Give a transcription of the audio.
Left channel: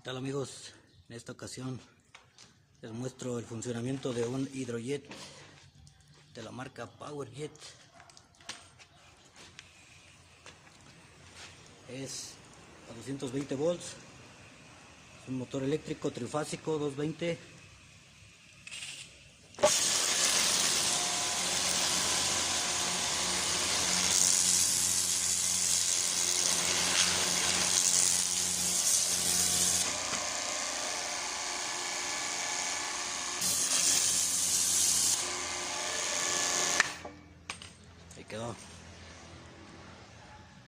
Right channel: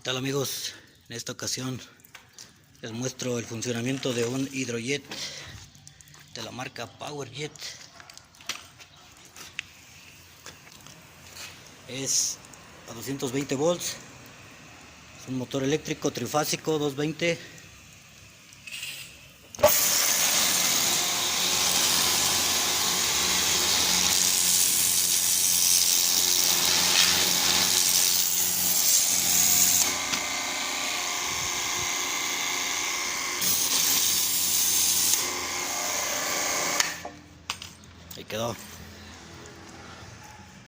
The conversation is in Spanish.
¿Qué tal, amigos? En esta ocasión les muestro el funcionamiento de un hidrojet de la marca PowerJet. Es a 220 volts, es un motor eléctrico trifásico 220. Ahí quedó.